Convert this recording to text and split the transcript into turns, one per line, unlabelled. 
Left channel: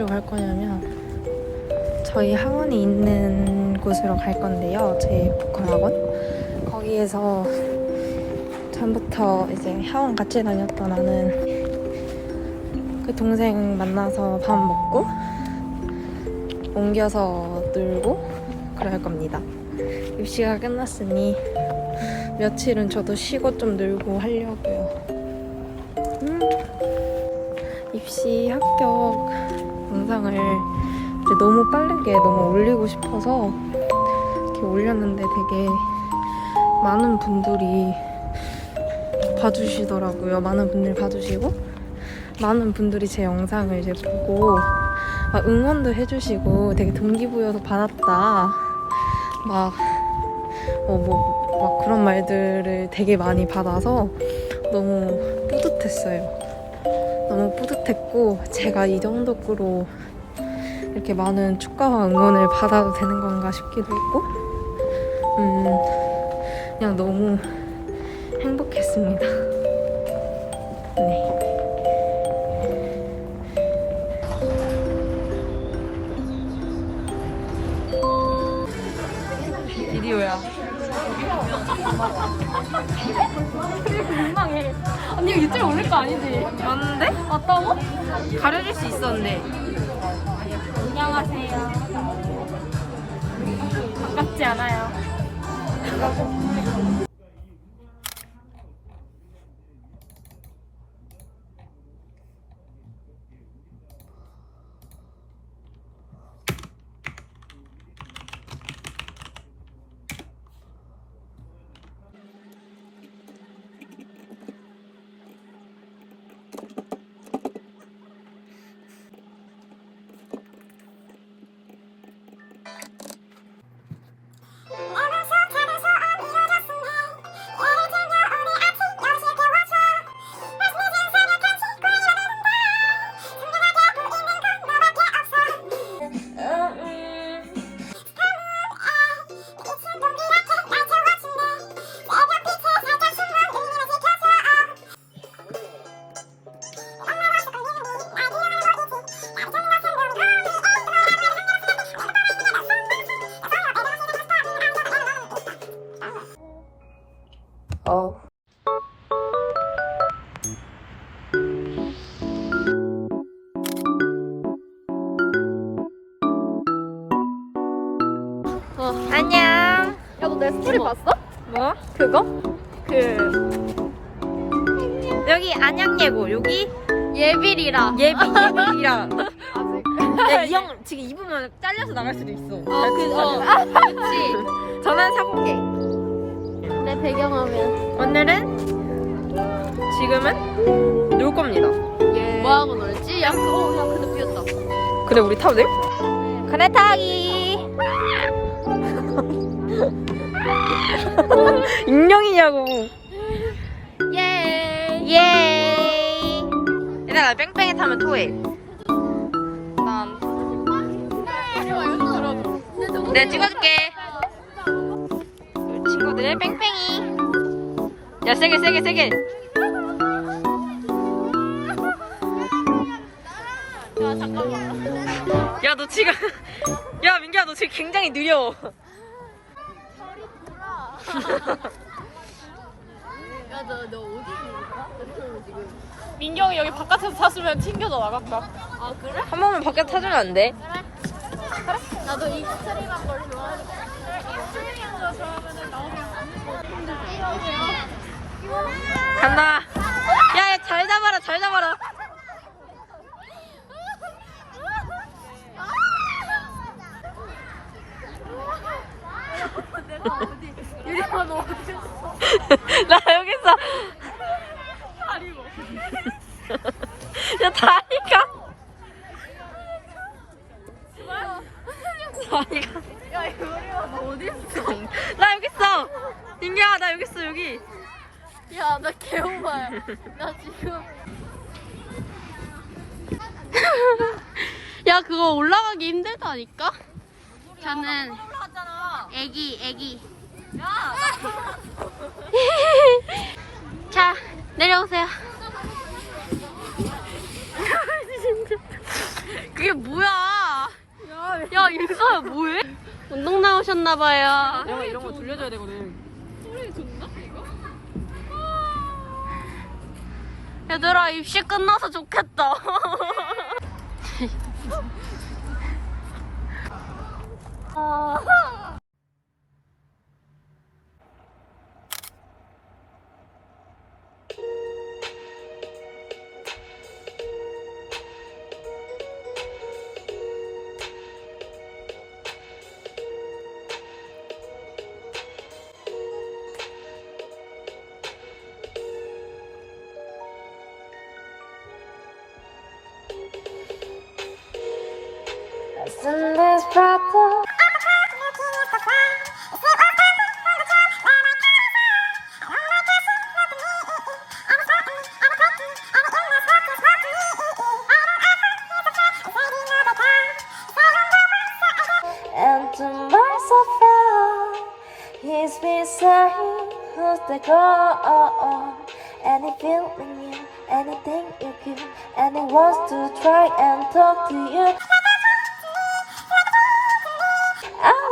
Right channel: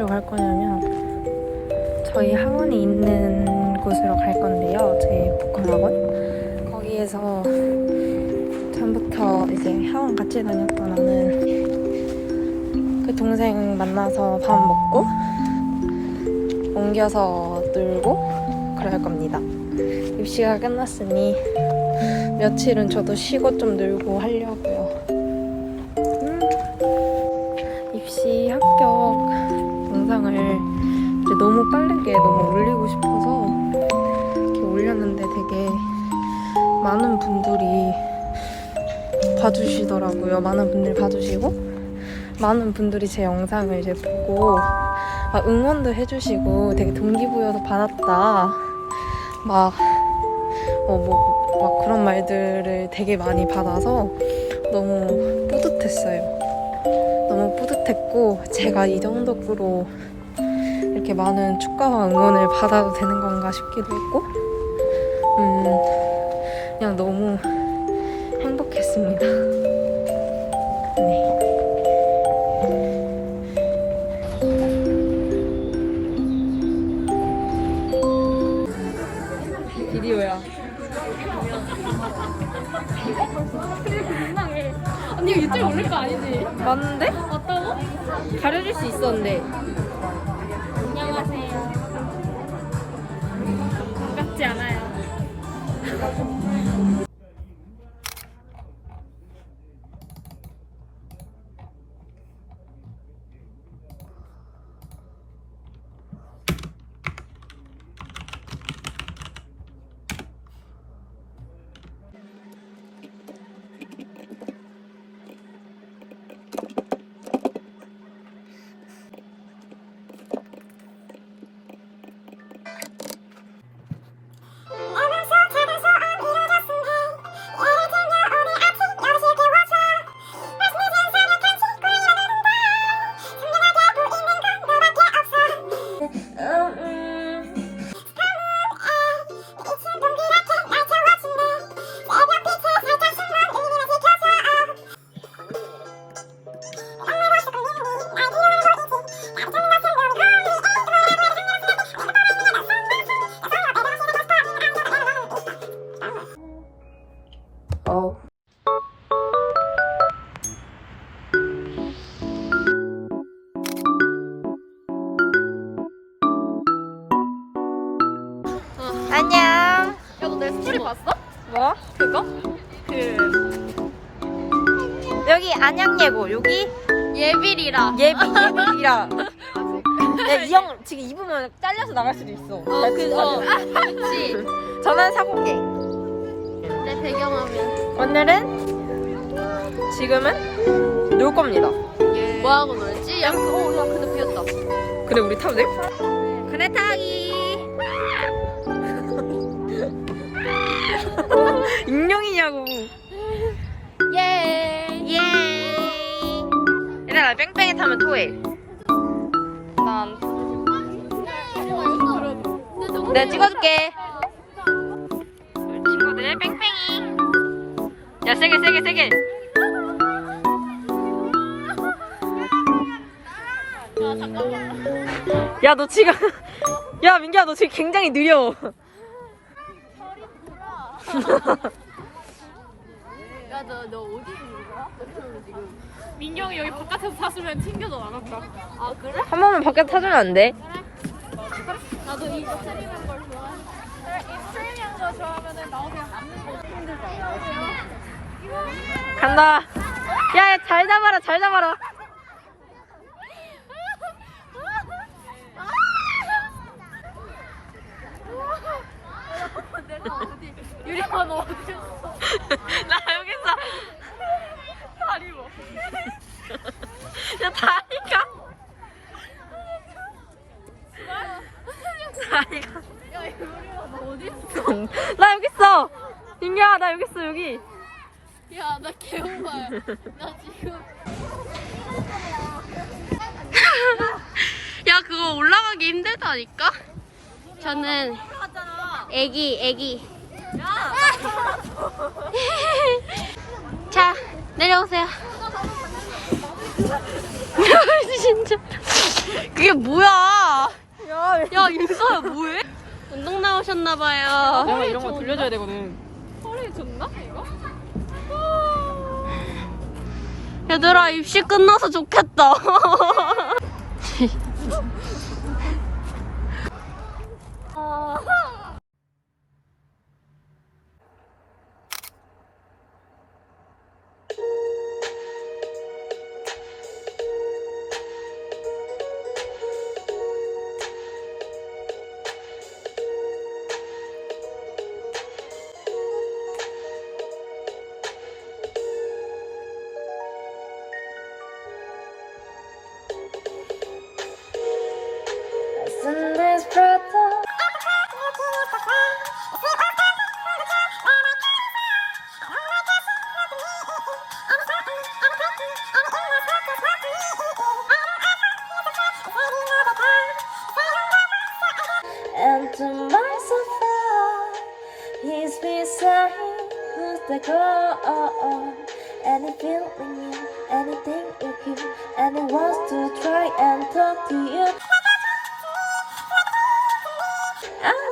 어디로 갈 거냐면 저희 학원이 있는 곳으로 갈 건데요. 제 보컬 학원. 거기에서 전부터 이제 학원 같이 다녔던 아는 그 동생 만나서 밥 먹고 옮겨서 놀고 그럴 겁니다. 입시가 끝났으니 며칠은 저도 쉬고 좀 놀고 하려고요. 음, 입시 합격 영상을 이제 너무 빠르게 너무 올리고 싶어서 이렇게 올렸는데 되게 많은 분들이 봐주시더라고요. 많은 분들이 봐주시고 많은 분들이 제 영상을 이제 보고 막 응원도 해주시고 되게 동기부여도 받았다. 막, 어, 뭐, 막 그런 말들을 되게 많이 받아서 너무 뿌듯했어요. 너무 뿌듯했고, 제가 이 정도로 이렇게 많은 축가와 응원을 받아도 되는 건가 싶기도 했고, 음, 그냥 너무 행복했습니다. 네. 비디오야.
언니 이거 유튜브에 올릴 거 아니지?
맞는데?
맞다고?
가려줄 수 있었는데.
안녕하세요. 반갑지 않아요.
어. 안녕.
야, 너내 스토리 봤어?
뭐? 그거?
그
여기 안양예고 여기
예빌이랑
예비 예비랑. 야이 형 지금 입으면 잘려서 나갈 수도 있어.
아, 그, 어.
그렇지. 전화 사
내 배경화면
오늘은 지금은 놀 겁니다.
뭐 하고 놀지? 야, 어, 야, 근데 비었다.
그래 우리 타도 돼?
그래 타기.
인형이냐고.
예.
예. 얘들아 뺑뺑이 타면 토해. 난 내가 찍어줄게. 친구들 뺑뺑이. 야 세게 세게 세게.
야, 잠깐만.
야 너 지금 야 민규야 너 지금 굉장히 느려.
별이 돌아. 야, 너, 너 어디 있는 거야? 너 지금. 민경이 여기 바깥에서 탔으면 튕겨서 나갔다. 아, 그래?
한 번만 밖에 타주면 안 돼?
나도 익스트림한 걸 좋아하는데. 익스트림한 걸 좋아하면 나 그냥
간다. 야 잘 잡아라 잘 잡아라.
내가 어디 유리만 너 어디 있어?
나 여기 있어.
다리 뭐?
야다 나 여기 있어. 민기야 나 여기 있어 여기.
야, 나 개오바야. 나 지금.
야 그거 올라가기 힘들다니까. 저는 애기 애기. 자 내려오세요. 진짜 그게
뭐야? 야 윤서야 뭐해? 운동 나오셨나봐요. 내가 이런 거 돌려줘야 되거든. 허리 좋나 이거?
얘들아 입시 끝나서 좋겠다. 아.
And to my surprise, he's beside who's the girl. And he feeling you, anything you give, and he wants to try and talk to you. Ah!